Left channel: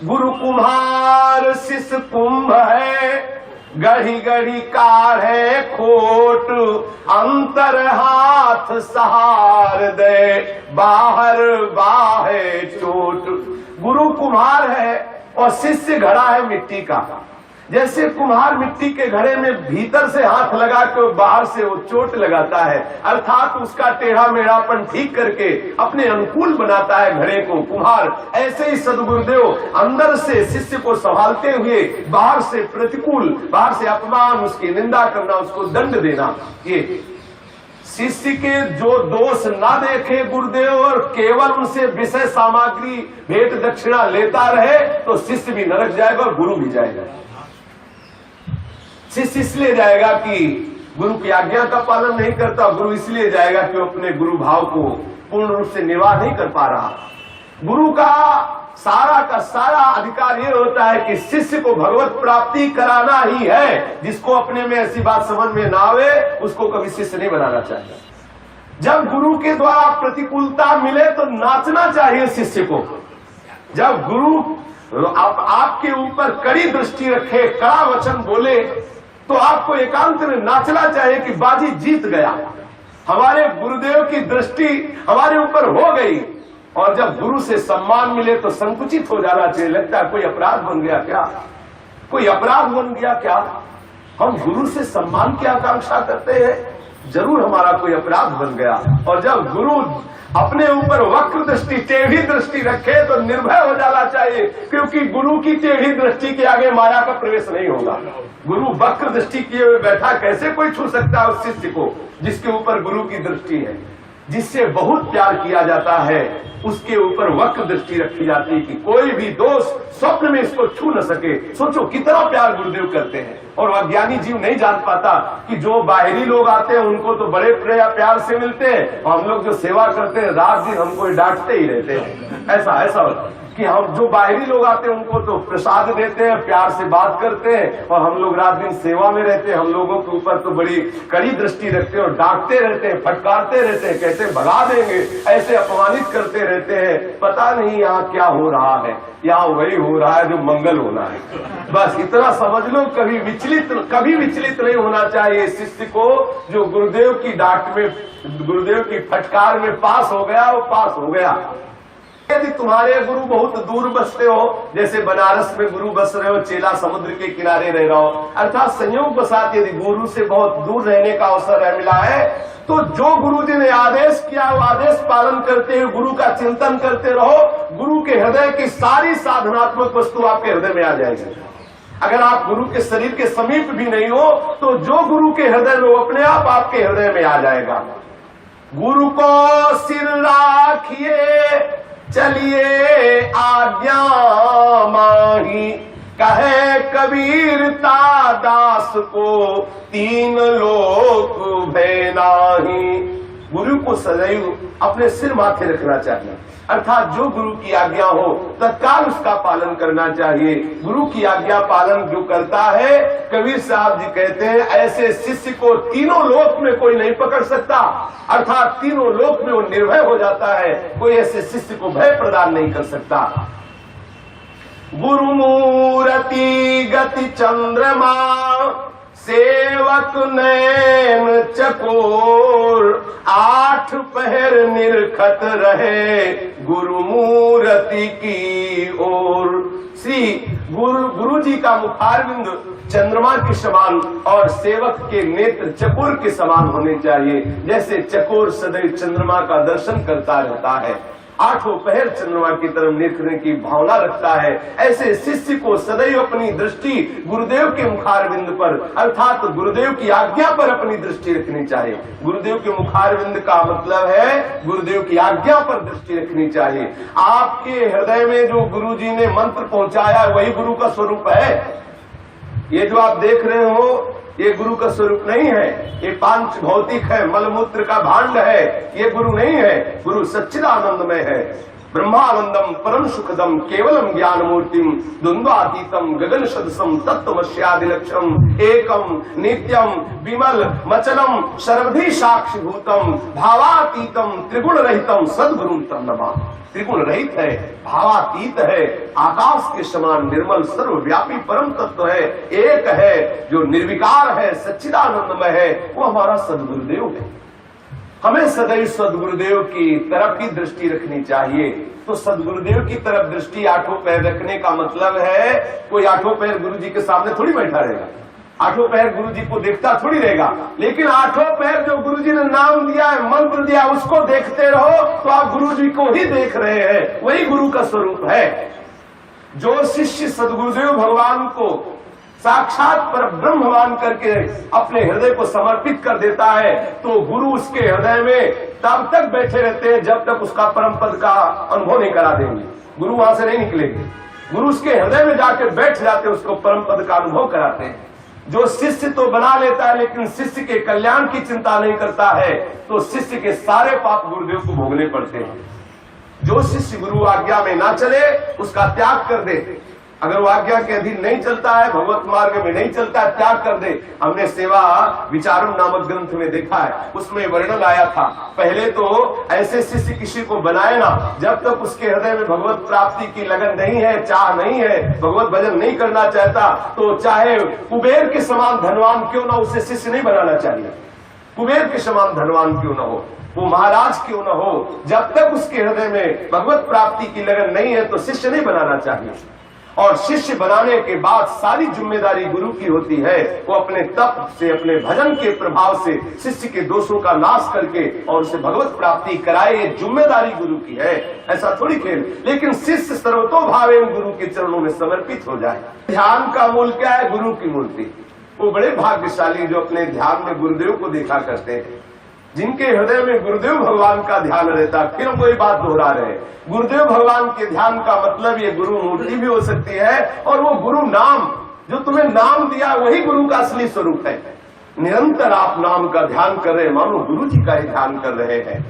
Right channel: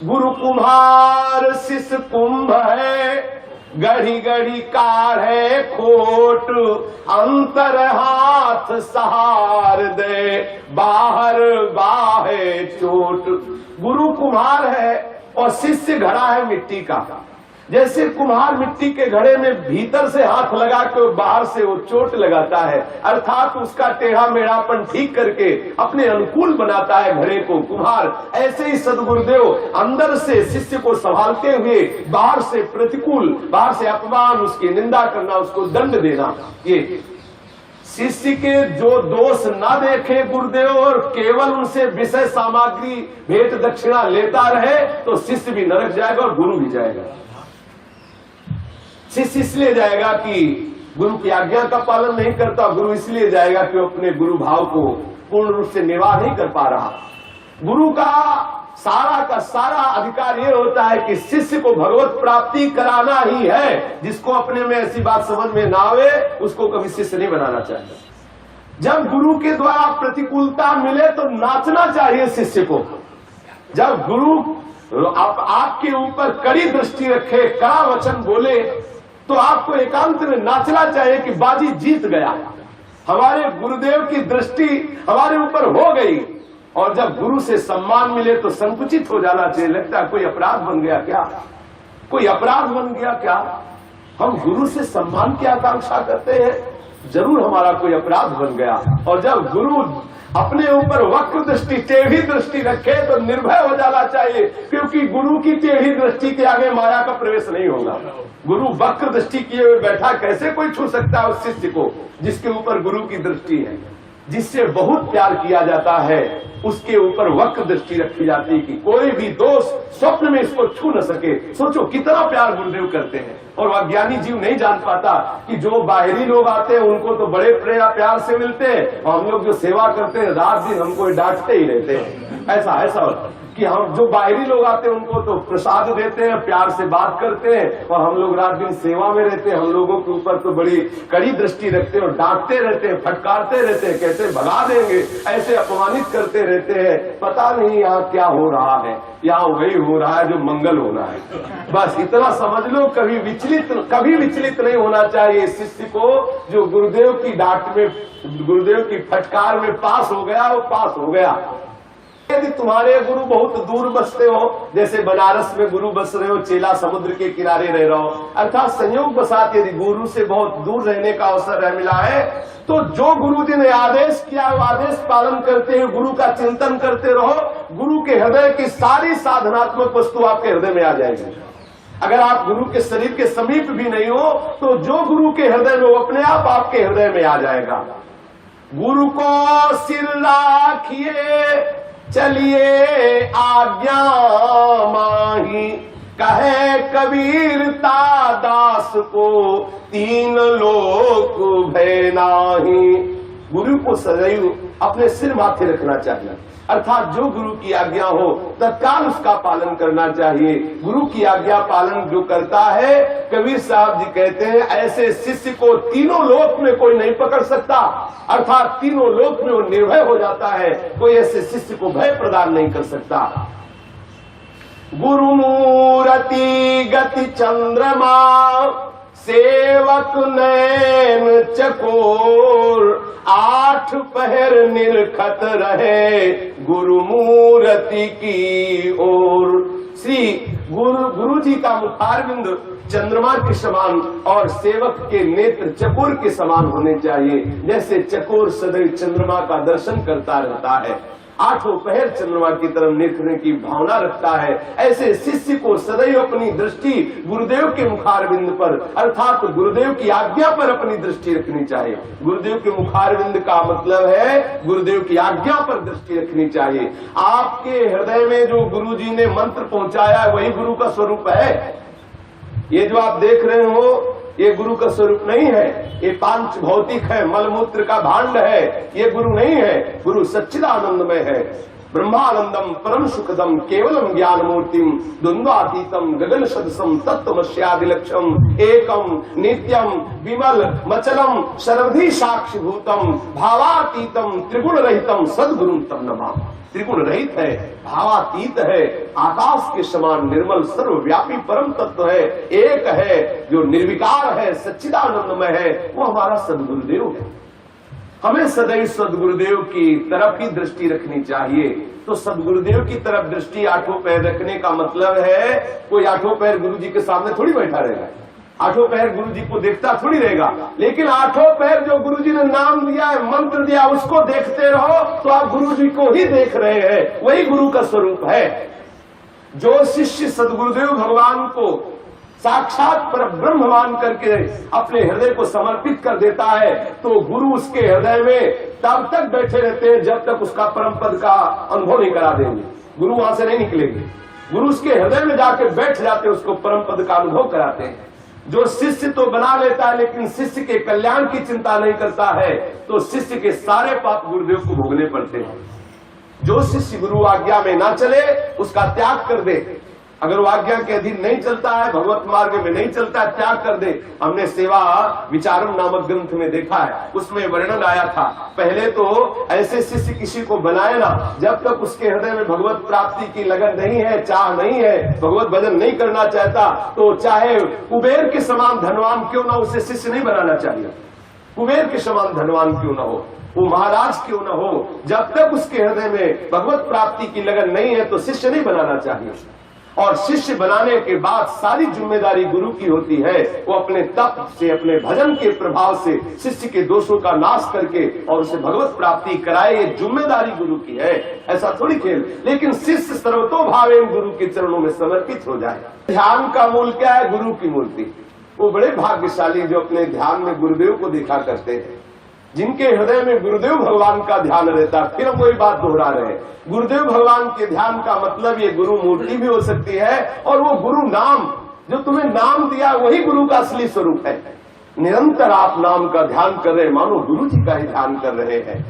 गुरु कुम्हार शिष्य कुंभ है, गढ़ी गढ़ी काढ़े खोट, अंतर हाथ सहार दे, बाहर बाहे चोट। गुरु कुम्हार है और शिष्य घड़ा है मिट्टी का। जैसे कुम्हार मिट्टी के घड़े में भीतर से हाथ लगा के बाहर से वो चोट लगाता है, अर्थात उसका टेढ़ा मेढ़ापन ठीक करके अपने अनुकूल बनाता है घड़े को कुम्हार। ऐसे ही सदगुरुदेव अंदर से शिष्य को संभालते हुए बाहर से प्रतिकूल, बाहर से अपमान, उसकी निंदा करना, उसको दंड देना, ये शिष्य के जो दोष ना देखे गुरुदेव और केवल उनसे विषय सामग्री भेंट दक्षिणा लेता रहे तो शिष्य भी नरक जाएगा और गुरु भी जाएगा। शिष्य इसलिए जाएगा कि गुरु की आज्ञा का पालन नहीं करता, गुरु इसलिए जाएगा कि वो अपने गुरु भाव को पूर्ण रूप से निर्वाह नहीं कर पा रहा। गुरु का सारा अधिकार ये होता है कि शिष्य को भगवत प्राप्ति कराना ही है। जिसको अपने में ऐसी बात समझ में ना आवे उसको कभी शिष्य नहीं बनाना चाहिए। जब गुरु के द्वारा प्रतिकूलता मिले तो नाचना चाहिए शिष्य को। जब गुरु आपके ऊपर कड़ी दृष्टि रखे, कड़ा वचन बोले, तो आपको एकांत में नाचना चाहिए कि बाजी जीत गया, हमारे गुरुदेव की दृष्टि हमारे ऊपर हो गई। और जब गुरु से सम्मान मिले तो संकुचित हो जाना चाहिए। लगता है कोई अपराध बन गया क्या, कोई अपराध बन गया क्या। हम गुरु से सम्मान की आकांक्षा करते हैं, जरूर हमारा कोई अपराध बन गया। और जब गुरु अपने ऊपर वक्र दृष्टि, टेढ़ी दृष्टि रखे तो निर्भय हो जाना चाहिए, क्योंकि गुरु की टेढ़ी दृष्टि के आगे माया का प्रवेश नहीं होगा। गुरु वक्र दृष्टि किए हुए बैठा, कैसे कोई छू सकता है उस शिष्य को जिसके ऊपर गुरु की दृष्टि है। जिससे बहुत प्यार किया जाता है उसके ऊपर वक्र दृष्टि रखी जाती है कि कोई भी दोष स्वप्न में इसको छू न सके। सोचो कितना प्यार गुरुदेव करते हैं। और अज्ञानी जीव नहीं जान पाता कि जो बाहरी लोग आते हैं उनको तो बड़े प्यार से मिलते हैं, हम लोग जो सेवा करते हैं रात दिन हमको डांटते ही रहते हैं। ऐसा कि हम जो बाहरी लोग आते हैं उनको तो प्रसाद देते हैं, प्यार से बात करते हैं, और हम लोग रात दिन सेवा में रहते हैं। हम लोगों के ऊपर तो बड़ी कड़ी दृष्टि रखते हैं और डांटते रहते हैं, फटकारते रहते हैं, कैसे भगा देंगे, ऐसे अपमानित करते रहते हैं। पता नहीं यहाँ क्या हो रहा है, यहाँ वही हो रहा है जो मंगल होना है। बस इतना समझ लो। कभी विचलित नहीं होना चाहिए शिष्य को। जो गुरुदेव की डांट में, गुरुदेव की फटकार में पास हो गया वो पास हो गया। यदि तुम्हारे गुरु बहुत दूर बसते हो, जैसे बनारस में गुरु बस रहे हो, चेला समुद्र के किनारे रह रहा हो, अर्थात संयोग बसात यदि गुरु से बहुत दूर रहने का अवसर मिला है, तो जो गुरु जी ने आदेश किया वो आदेश पालन करते हुए गुरु का चिंतन करते रहो। गुरु के हृदय की सारी साधनात्मक वस्तु आपके हृदय में आ जाएगी। अगर आप गुरु के शरीर के समीप भी नहीं हो तो जो गुरु के हृदय में, वो अपने आप आपके हृदय में आ जाएगा। गुरु को सिर राखिए चलिए आज्ञा माही, कहे कबीर दास को तीन लोक भय नाही। गुरु को सदैव अपने सिर माथे रखना चाहिए, अर्थात जो गुरु की आज्ञा हो तत्काल उसका पालन करना चाहिए। गुरु की आज्ञा पालन जो करता है, कबीर साहब जी कहते हैं, ऐसे शिष्य को तीनों लोक में कोई नहीं पकड़ सकता, अर्थात तीनों लोक में वो निर्भय हो जाता है। कोई ऐसे शिष्य को भय प्रदान नहीं कर सकता। गुरु मूर्ति गति चंद्रमा, सेवक नैन चकोर, आठ पहर निरखत रहे गुरु मूर्ति की ओर। श्री गुरु जी का मुखारविंद चंद्रमा के समान और सेवक के नेत्र चकोर के समान होने चाहिए। जैसे चकोर सदैव चंद्रमा का दर्शन करता रहता है, आठों पहर चंद्रमा की तरफ देखने की भावना रखता है, ऐसे शिष्य को सदैव अपनी दृष्टि गुरुदेव के मुखारविंद पर, अर्थात गुरुदेव की आज्ञा पर अपनी दृष्टि रखनी चाहिए। गुरुदेव के मुखारविंद का मतलब है गुरुदेव की आज्ञा पर दृष्टि रखनी चाहिए। आपके हृदय में जो गुरु जी ने मंत्र पहुंचाया है वही गुरु का स्वरूप है। ये जो आप देख रहे हो ये गुरु का स्वरूप नहीं है, ये पांच भौतिक है, मलमूत्र का भांड है, ये गुरु नहीं है। गुरु सच्चिदानंद में है, ब्रह्मानंदम परम सुखदम केवलम ज्ञान मूर्तिम द्वंद्वातीतम गगन सदसम तत्वमस्यादिलक्षम एकम नित्यम विमल मचलम सर्वधि साक्षिभूतम भावातीतम त्रिगुण रहितम सद्गुरुम तम नमामि। त्रिगुण रहित है, भावातीत है, आकाश के समान निर्मल सर्वव्यापी परम तत्व है, एक है, जो निर्विकार है, सच्चिदानंदमय है, वो हमारा सद्गुरुदेव है। हमें सदैव सद्गुरुदेव की तरफ ही दृष्टि रखनी चाहिए। तो सद्गुरुदेव की तरफ दृष्टि आठों पैर रखने का मतलब है कोई आठों पैर गुरु जी के सामने थोड़ी बैठा रहेगा, आठों पैर गुरु जी को देखता थोड़ी रहेगा, लेकिन आठों पैर जो गुरु जी ने नाम दिया है, मंत्र दिया, उसको देखते रहो तो आप गुरु जी को ही देख रहे हैं, वही गुरु का स्वरूप है। जो शिष्य सद्गुरुदेव भगवान को साक्षात पर ब्रह्म मान करके अपने हृदय को समर्पित कर देता है, तो गुरु उसके हृदय में तब तक बैठे रहते हैं जब तक उसका परम पद का अनुभव नहीं करा देंगे। गुरु वहां से नहीं निकलेंगे, गुरु उसके हृदय में जाके बैठ जाते, उसको परम पद का अनुभव कराते हैं। जो शिष्य तो बना लेता है लेकिन शिष्य के कल्याण की चिंता नहीं करता है, तो शिष्य के सारे पाप गुरुदेव को भोगने पड़ते हैं। जो शिष्य गुरु आज्ञा में ना चले उसका त्याग कर दे, अगर वो आज्ञा के अधीन नहीं चलता है, भगवत मार्ग में नहीं चलता है, त्याग कर दे। हमने सेवा विचारम नामक ग्रंथ में देखा है, उसमें वर्णन आया था, पहले तो ऐसे शिष्य किसी को बनाए ना जब तक उसके हृदय में भगवत प्राप्ति की लगन नहीं है, चाह नहीं है, भगवत भजन नहीं करना चाहता, तो चाहे कुबेर के समान धनवान क्यों ना, उसे शिष्य नहीं बनाना चाहिए। कुबेर के समान धनवान क्यों ना हो, वो महाराज क्यों न हो, जब तक उसके हृदय में भगवत प्राप्ति की लगन नहीं है तो शिष्य नहीं बनाना चाहिए। और शिष्य बनाने के बाद सारी जिम्मेदारी गुरु की होती है, वो अपने तप से, अपने भजन के प्रभाव से शिष्य के दोषों का नाश करके और उसे भगवत प्राप्ति कराए, ये जिम्मेदारी गुरु की है, ऐसा थोड़ी खेल। लेकिन शिष्य सर्वतोभावेन गुरु के चरणों में समर्पित हो जाए। ध्यान का मूल क्या है? गुरु की मूर्ति। वो बड़े भाग्यशाली जो अपने ध्यान में गुरुदेव को देखा करते हैं, जिनके हृदय में गुरुदेव भगवान का ध्यान रहता। फिर हम वही बात दोहरा रहे हैं, गुरुदेव भगवान के ध्यान का मतलब ये गुरु मूर्ति भी हो सकती है, और वो गुरु नाम जो तुम्हें नाम दिया वही गुरु का असली स्वरूप है। निरंतर आप नाम का ध्यान कर रहे हैं, मानो गुरु जी का ही ध्यान कर रहे हैं।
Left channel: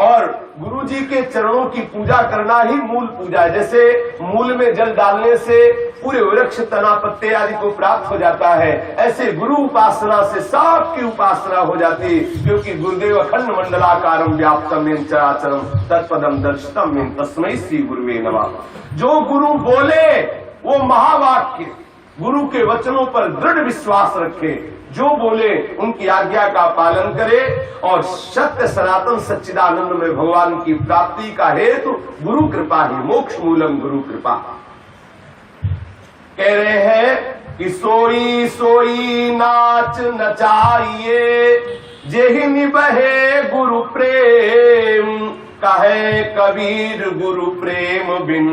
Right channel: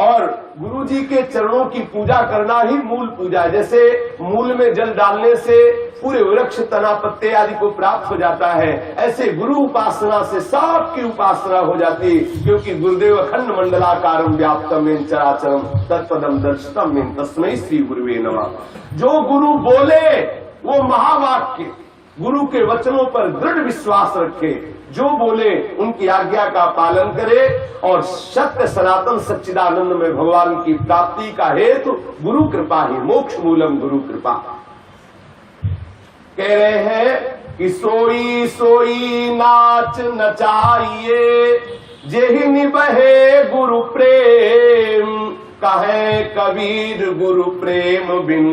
और गुरु जी के चरणों की पूजा करना ही मूल पूजा है। जैसे मूल में जल डालने से पूरे वृक्ष, तना, पत्ते आदि को प्राप्त हो जाता है, ऐसे गुरु उपासना से सबकी उपासना हो जाती, क्योंकि गुरुदेव अखंड मंडलाकारम व्याप्तम येन चराचरम तत्पदम दर्शितम येन तस्मै श्री गुरुवे नमः। जो गुरु बोले वो महावाक्य, गुरु के वचनों पर दृढ़ विश्वास रखे, जो बोले उनकी आज्ञा का पालन करे, और सत्य सनातन सच्चिदानंद में भगवान की प्राप्ति का हेतु गुरु कृपा ही, मोक्ष मूलम गुरु कृपा। कह रहे हैं कि सोई सोई नाच नचाइए, जेहि निबहे गुरु प्रेम, कहे कबीर गुरु प्रेम बिन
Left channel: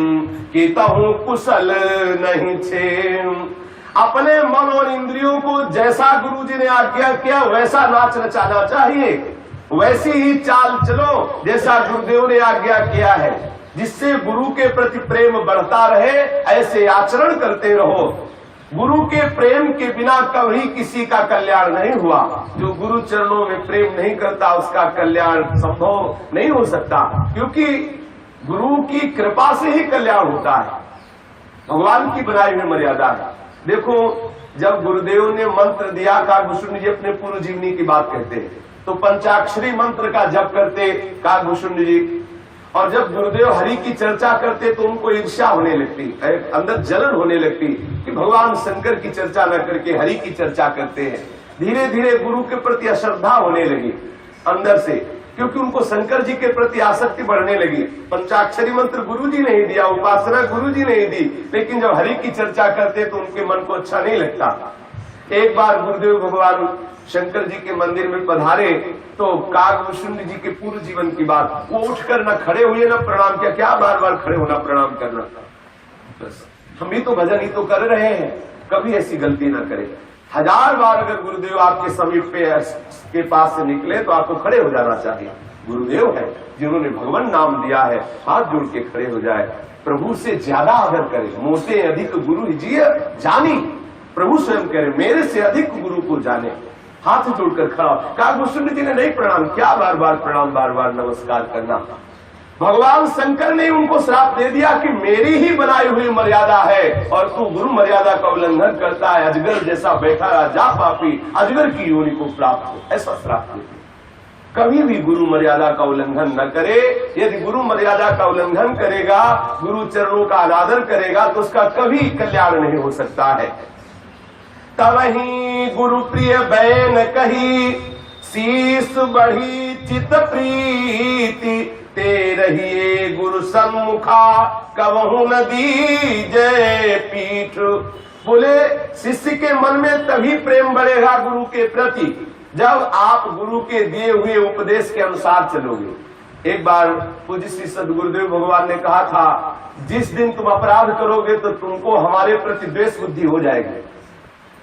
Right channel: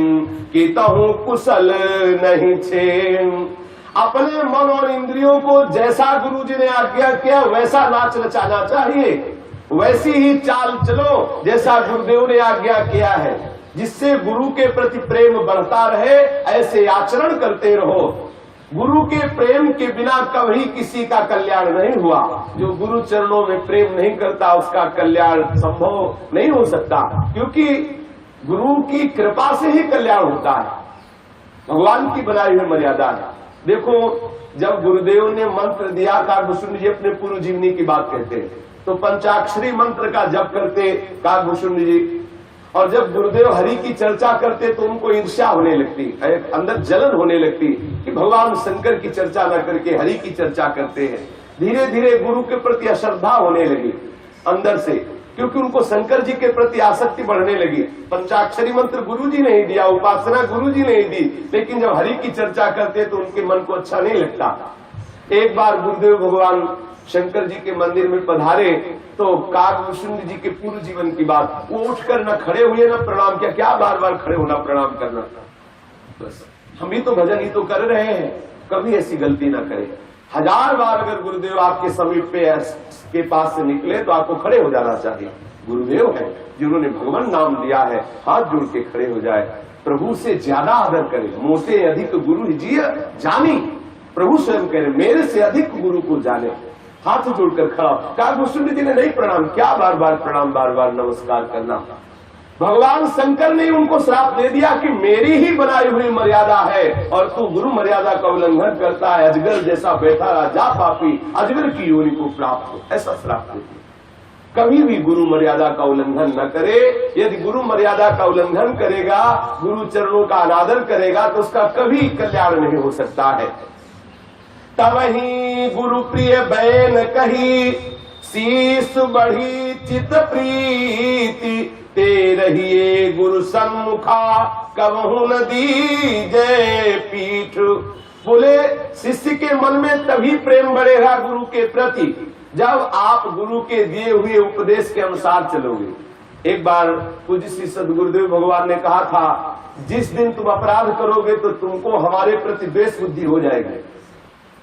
कि तहु कुशल नहीं छेम। अपने मन और इंद्रियों को जैसा गुरु जी ने आज्ञा किया वैसा नाच नचाना चाहिए, वैसी ही चाल चलो जैसा गुरुदेव ने आज्ञा किया है, जिससे गुरु के प्रति प्रेम बढ़ता रहे, ऐसे आचरण करते रहो। गुरु के प्रेम के बिना कभी किसी का कल्याण नहीं हुआ। जो गुरु चरणों में प्रेम नहीं करता उसका कल्याण संभव नहीं हो सकता, क्योंकि गुरु की कृपा से ही कल्याण होता है, भगवान की बनाई हुई मर्यादा है। देखो, जब गुरुदेव ने मंत्र दिया, काकभूषुंड जी अपने पूर्व जीवनी की बात कहते हैं, तो पंचाक्षरी मंत्र का जप करते काकभूषुंड जी, और जब गुरुदेव हरि की चर्चा करते तो उनको ईर्ष्या होने लगती, अंदर जलन होने लगती कि भगवान शंकर की चर्चा न करके हरि की चर्चा करते हैं। धीरे धीरे गुरु के प्रति अश्रद्धा होने लगी अंदर से, क्योंकि उनको शंकर जी के प्रति आसक्ति बढ़ने लगी। पंचाक्षरी मंत्र गुरु जी ने ही दिया, उपासना गुरु जी ने ही दी, लेकिन जब हरि की चर्चा करते तो उनके मन को अच्छा नहीं लगता। एक बार गुरुदेव भगवान शंकर जी के मंदिर में पधारे तो काकभूषुंड जी के पूर्व जीवन की बात, वो उठकर न खड़े हुए न प्रणाम किया। क्या बार बार खड़े होना, प्रणाम करना, बस हम भी तो भजन ही तो कर रहे हैं, कभी ऐसी गलती ना करें। 1000 बार अगर गुरुदेव आपके समीप पे के पास से निकले तो आपको खड़े हो जाना चाहिए। गुरुदेव है जिन्होंने भगवान नाम दिया है, हाथ जोड़ के खड़े हो जाए। प्रभु से ज्यादा आदर करें, मोटे अधिक गुरु जी जानी। प्रभु स्वयं कह रहे मेरे से अधिक गुरु को जाने, हाथ जोड़कर खड़ा। काकभूषुंड जी ने नहीं प्रणाम, क्या बार बार प्रणाम, बार बार नमस्कार करना। भगवान शंकर ने उनको श्राप दे दिया कि मेरी ही बनाई हुई मर्यादा है और तू गुरु मर्यादा का उल्लंघन करता है, अजगर जैसा बैठा रहा, जा पापी, अजगर की योनि को प्राप्त हो, ऐसा श्राप दे दिया। कभी भी गुरु मर्यादा का उल्लंघन न करे। यदि गुरु मर्यादा का उल्लंघन करेगा, गुरु चरणों का अनादर करेगा, तो उसका कभी कल्याण नहीं हो सकता है। तवही गुरु प्रिय बैन कही, शीस बढ़ी चित प्रीति, ते रहिए गुरु सन्मुखा, कबहु न दीजय पीठ। बोले शिष्य के मन में तभी प्रेम बढ़ेगा गुरु के प्रति, जब आप गुरु के दिए हुए उपदेश के अनुसार चलोगे। एक बार पूज्य श्री सद्गुरुदेव भगवान ने कहा था, जिस दिन तुम अपराध करोगे तो तुमको हमारे प्रति द्वेष बुद्धि हो जाएगी,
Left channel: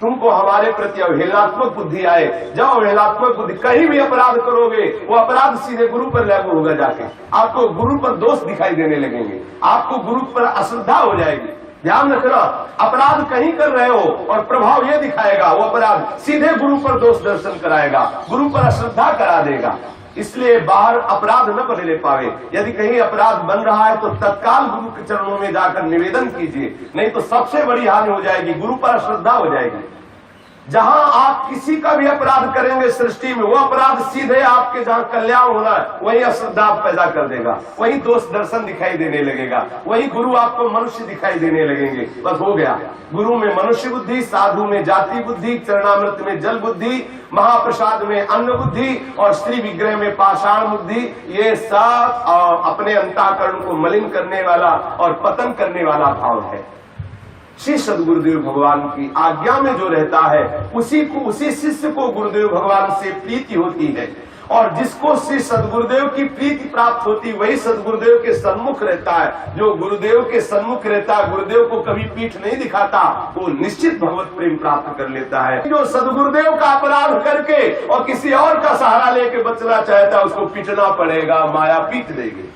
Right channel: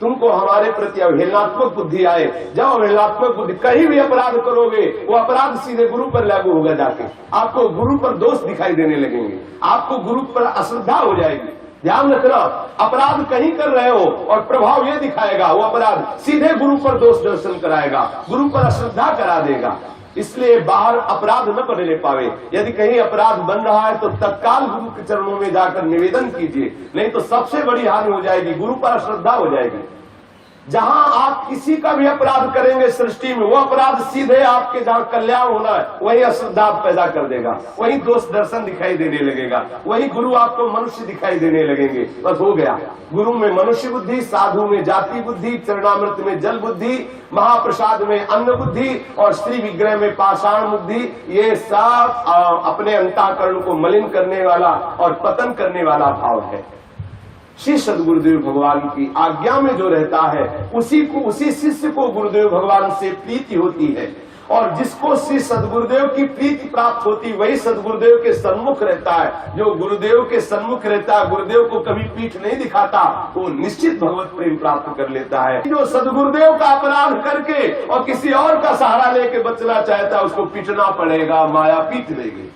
तुमको हमारे प्रति अवहेलनात्मक बुद्धि आए। जब अवहेलनात्मक बुद्धि, कहीं भी अपराध करोगे वो अपराध सीधे गुरु पर लागू होगा, जाके आपको गुरु पर दोष दिखाई देने लगेंगे, आपको गुरु पर अश्रद्धा हो जाएगी। ध्यान रखना, अपराध कहीं कर रहे हो और प्रभाव ये दिखाएगा, वो अपराध सीधे गुरु पर दोष दर्शन कराएगा, गुरु पर अश्रद्धा करा देगा। इसलिए बाहर अपराध न बनने पावे। यदि कहीं अपराध बन रहा है तो तत्काल गुरु के चरणों में जाकर निवेदन कीजिए, नहीं तो सबसे बड़ी हानि हो जाएगी, गुरु पर अश्रद्धा हो जाएगी। जहां आप किसी का भी अपराध करेंगे सृष्टि में, वो अपराध सीधे आपके जहां कल्याण होना है वही अश्रद्धा पैदा कर देगा, वही दोष दर्शन दिखाई देने लगेगा, वही गुरु आपको मनुष्य दिखाई देने लगेंगे। बस हो गया, गुरु में मनुष्य बुद्धि, साधु में जाति बुद्धि, चरणामृत में जल बुद्धि, महाप्रसाद में अन्न बुद्धि और श्री विग्रह में पाषाण बुद्धि। ये सब अपने अंतःकरण को मलिन करने वाला और पतन करने वाला भाव है। श्री सद्गुरुदेव भगवान की आज्ञा में जो रहता है उसी शिष्य को गुरुदेव भगवान से प्रीति होती है, और जिसको श्री सद्गुरुदेव की प्रीति प्राप्त होती वही सद्गुरुदेव के सन्मुख रहता है। जो गुरुदेव के सन्मुख रहता है, गुरुदेव को कभी पीठ नहीं दिखाता, वो निश्चित भगवत प्रेम प्राप्त कर लेता है। जो सद्गुरुदेव का अपराध करके और किसी और का सहारा लेके बचना चाहता है, उसको पीटना पड़ेगा, माया पीट देगी।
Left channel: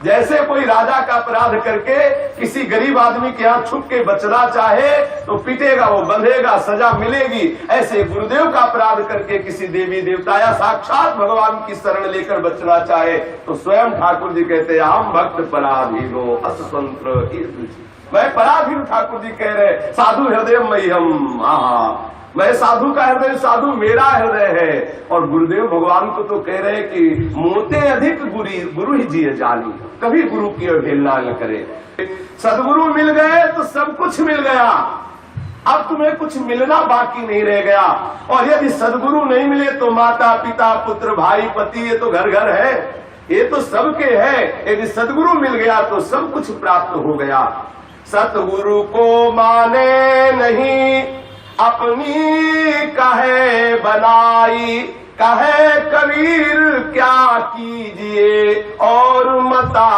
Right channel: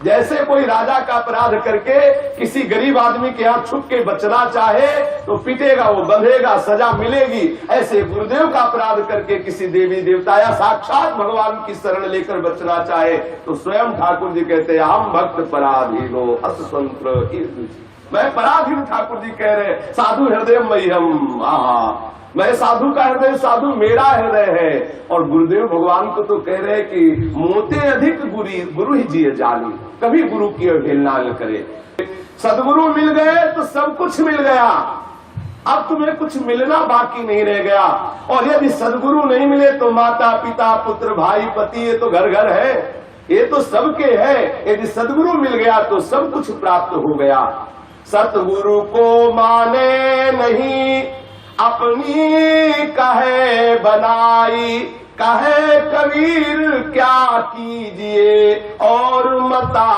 जैसे कोई राजा का अपराध करके किसी गरीब आदमी के हाथ छुप के बचना चाहे तो पीटेगा, वो बंधेगा, सजा मिलेगी। ऐसे गुरुदेव का अपराध करके किसी देवी देवता या साक्षात भगवान की शरण लेकर बचना चाहे तो स्वयं ठाकुर जी कहते हैं, हम भक्त पराधीनो अस्वतंत्र। मैं पराधीन, ठाकुर जी कह रहे, साधु हृदय मह्यम, मैं साधु का हृदय, साधु मेरा हृदय है। और गुरुदेव भगवान को तो कह रहे कि मोते अधिक गुरु ही जिए जानी, कभी गुरु की अवहेलना न करे। सदगुरु मिल गए तो सब कुछ मिल गया, अब तुम्हें कुछ मिलना बाकी नहीं रह गया। और यदि सदगुरु नहीं मिले तो माता पिता पुत्र भाई पति, ये तो घर घर है, ये तो सबके है। यदि सदगुरु मिल गया तो सब कुछ प्राप्त हो गया। सतगुरु को माने नहीं अपनी कहे बनाई, कहे कबीर क्या कीजिए और मता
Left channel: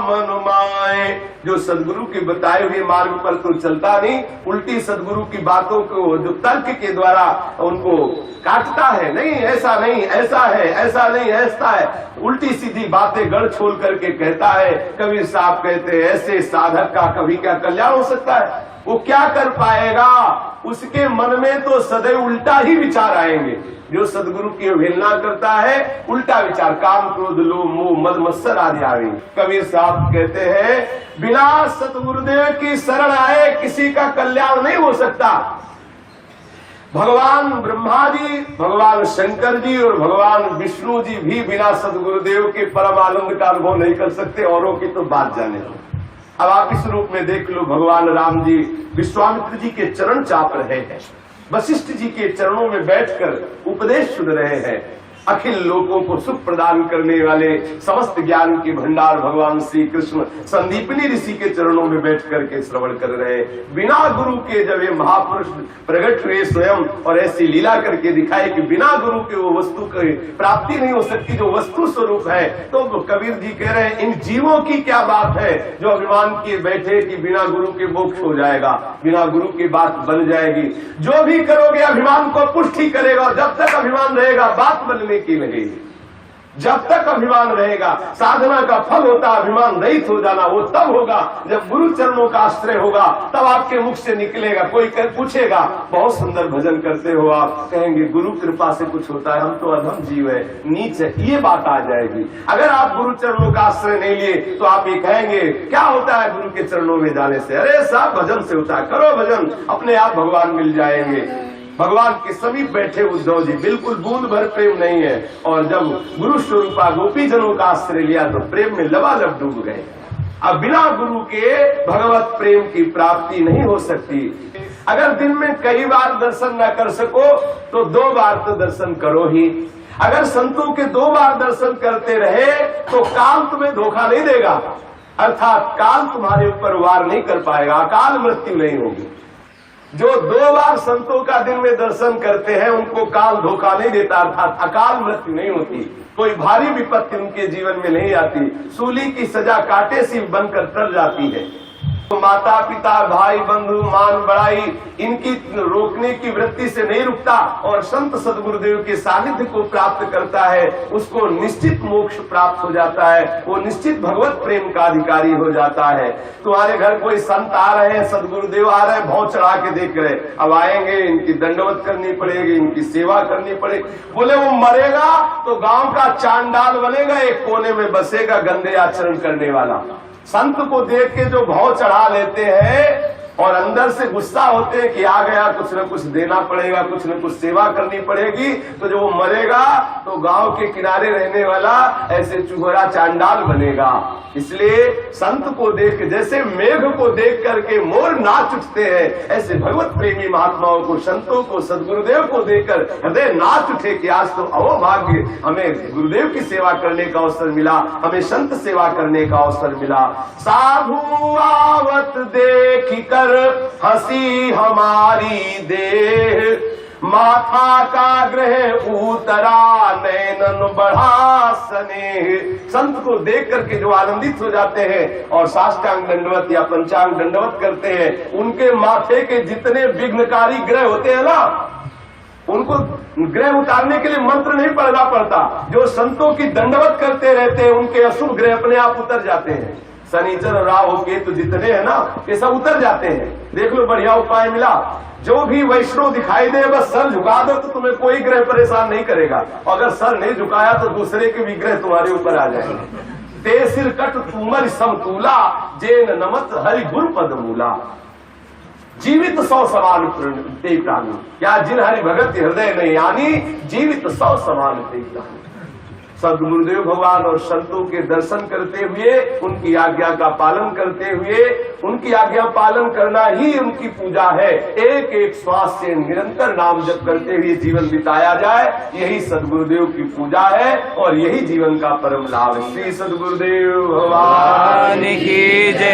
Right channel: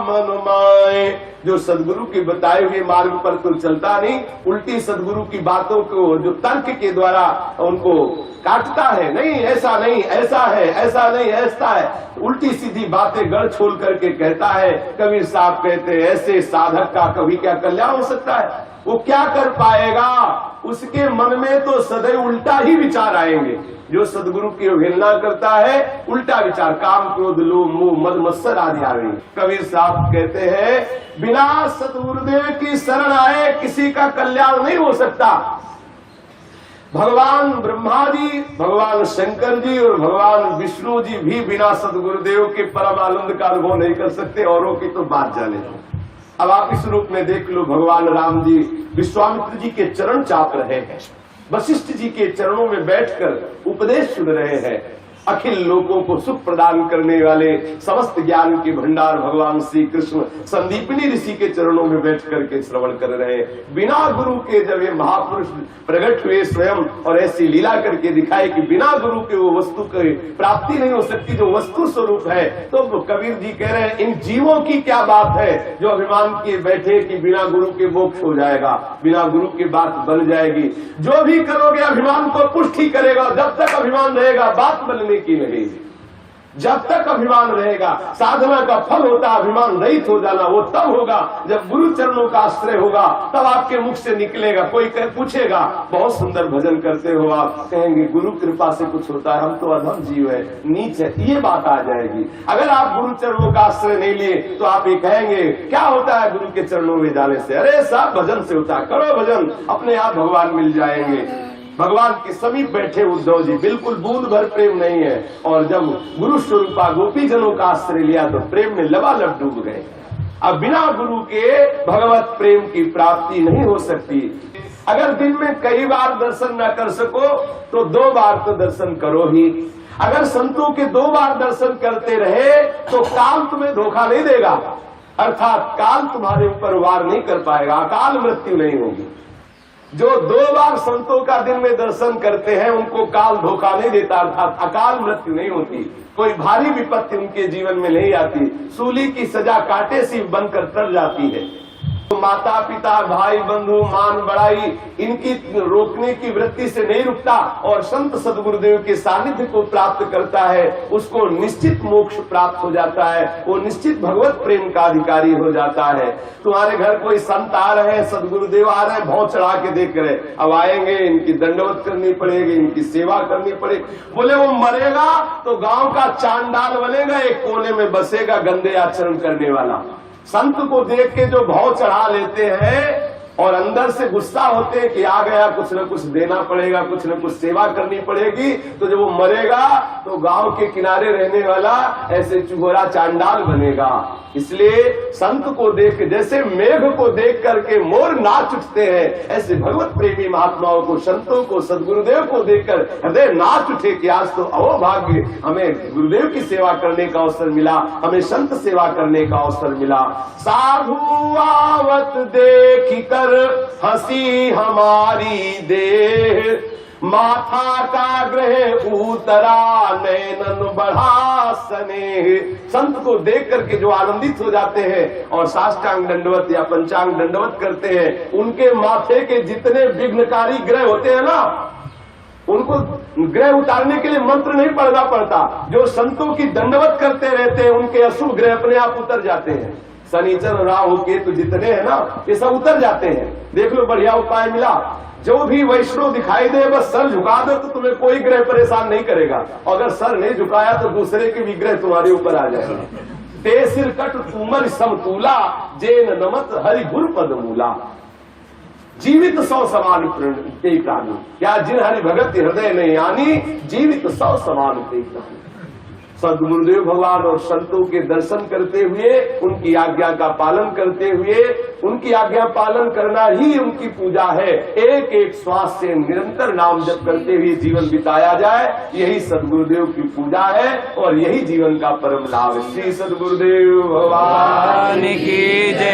मनमाए। जो सदगुरु के बताए हुए मार्ग पर तो चलता नहीं, उल्टी सदगुरु की बातों को जो तर्क के द्वारा उनको काटता है, नहीं ऐसा नहीं, ऐसा है, ऐसा नहीं, ऐसा है, उल्टी सीधी बातें गढ़ छोल करके कहता है। कबीर साहब कहते हैं, ऐसे साधक का कभी क्या कल्याण हो सकता है? वो क्या कर पाएगा? उसके मन में तो सदैव उल्टा ही विचार आएंगे। जो सदगुरु की अवहेलना करता है, उल्टा विचार, काम क्रोध लोभ मोह मद मत्सर आदि आएंगे। कबीर साहब कहते हैं, बिना सतगुरुदेव की शरण आए किसी का कल्याण नहीं हो सकता। भगवान ब्रह्मा जी, भगवान शंकर जी और भगवान विष्णु जी भी बिना सदगुरुदेव के परम आनंद का अनुभव नहीं कर सकते, औरों की तो बात जाने। अब आप इस रूप में देख लो, भगवान राम जी विश्वामित्र जी के चरण चाप रहे हैं, वशिष्ठ जी के चरणों में बैठकर उपदेश सुन रहे हैं। अखिल लोगों को सुख प्रदान करने वाले समस्त ज्ञान के भंडार भगवान श्री कृष्ण संदीपनी ऋषि के चरणों में बैठ करके श्रवण कर रहे हैं। बिना गुरु के जब ये महापुरुष प्रकट हुए स्वयं और ऐसी लीला करके दिखाई कि बिना गुरु के वो वस्तु की प्राप्ति नहीं हो सकती जो वस्तु स्वरूप है। तो कबीर जी कह रहे हैं, इन जीवों की क्या बात है जो अभिमान किए बैठे कि बिना गुरु के मोक्ष हो जाएगा, बिना गुरु की बात बन जाएगी। जो भी करोगे अभिमान को पुष्टि करेगा, जब तक अभिमान रहेगा बात बनने की लगेगी। जब तक अभिमान रहेगा, साधना का फल होता है अभिमान रहित हो जाना। वो तब होगा जब गुरु चरणों का आश्रय होगा, तब आपके मुख से निकलेगा। कोई पूछेगा, बहुत सुंदर भजन करते हो आप, कहेंगे गुरु कृपा से कुछ होता है, हम तो अधम जीव है, नीच है, ये बात आ जाएगी। अगर आप गुरु चरणों का आश्रय नहीं लिए तो आप ये कहेंगे, क्या होता है गुरु के चरणों में जाने से? अरे साहब भजन से होता है, करो भजन, अपने आप भगवान मिल जाएंगे। भगवान के समीप बैठे उद्धव जी, बिल्कुल बूंद भर प्रेम नहीं है। और जब गुरु स्वरूपा गोपी जनों का आश्रय लिया तो प्रेम में लबालब डूब गए। अब बिना गुरु के भगवत प्रेम की प्राप्ति नहीं हो सकती। अगर दिन में कई बार दर्शन न कर सको तो 2 बार तो दर्शन करो ही। अगर संतों के 2 बार दर्शन करते रहे तो काल तुम्हें धोखा नहीं देगा, अर्थात काल तुम्हारे ऊपर वार नहीं कर पाएगा, अकाल मृत्यु नहीं होगी। जो 2 बार संतों का दिन में दर्शन करते हैं उनको काल धोखा नहीं देता, अर्थात अकाल मृत्यु नहीं होती, कोई भारी विपत्ति उनके जीवन में नहीं आती, सूली की सजा कांटे सी बनकर टर जाती है। तो माता पिता भाई बंधु मान बड़ाई इनकी रोकने की वृत्ति से नहीं रुकता और संत सद्गुरुदेव के सानिध्य को प्राप्त करता है, उसको निश्चित मोक्ष प्राप्त हो जाता है, वो निश्चित भगवत प्रेम का अधिकारी हो जाता है। तुम्हारे घर कोई संत आ रहे हैं, सद्गुरुदेव आ रहे हैं, भौं चढ़ा के देख रहे, अब आएंगे इनकी दंडवत करनी पड़ेगी, इनकी सेवा करनी पड़ेगी। बोले वो मरेगा तो गांव का चांडाल बनेगा, एक कोने में बसेगा गंदे आचरण करने वाला। संत को देख के जो भाव चढ़ा लेते हैं और अंदर से गुस्सा होते हैं कि आ गया, कुछ न कुछ देना पड़ेगा, कुछ न कुछ सेवा करनी पड़ेगी, तो जब वो मरेगा तो गांव के किनारे रहने वाला ऐसे चूहरा चांडाल बनेगा। इसलिए संत को देख, जैसे मेघ को देख करके मोर नाच उठते हैं, ऐसे भगवत प्रेमी महात्माओं को, संतों को, सद्गुरुदेव को देखकर हृदय नाच उठे कि आज तो अवभाग्य, हमें गुरुदेव की सेवा करने का अवसर मिला, हमें संत सेवा करने का अवसर मिला। साधु आवत देख कर हंसी हमारी देह, माथा का ग्रह उतरा नैनन बढ़ा स्नेह। संत को देख करके जो आनंदित हो जाते हैं और साष्टांग दंडवत या पंचांग दंडवत करते हैं, उनके माथे के जितने विघ्नकारी ग्रह होते हैं ना, उनको ग्रह उतारने के लिए मंत्र नहीं पढ़ना पड़ता। जो संतों की दंडवत करते रहते हैं उनके अशुभ ग्रह अपने आप उतर जाते हैं। शनिचर राहु केतु जितने हैं ना, ये सब उतर जाते हैं। देख लो, बढ़िया उपाय मिला। जो भी वैष्णव दिखाई दे बस सर झुका दो तो तुम्हें कोई ग्रह परेशान नहीं करेगा। अगर सर नहीं झुकाया तो दूसरे के विग्रह तुम्हारे ऊपर आ जाएंगे। ते सिर कट तुमर समतूला, जेन नमत हरि गुरु पद मूला। जीवित 100 समान ते प्राणी, क्या जिन हरि भगत हृदय में यानी जीवित 100 समान ते प्राणी। सद्गुरुदेव भगवान और संतों के दर्शन करते हुए, उनकी आज्ञा का पालन करते हुए, उनकी आज्ञा पालन करना ही उनकी पूजा है। एक एक श्वास से निरंतर नाम जप करते हुए जीवन बिताया जाए, यही सद्गुरुदेव की पूजा है और यही जीवन का परम लाभ है। श्री सद्गुरुदेव भगवान की जय।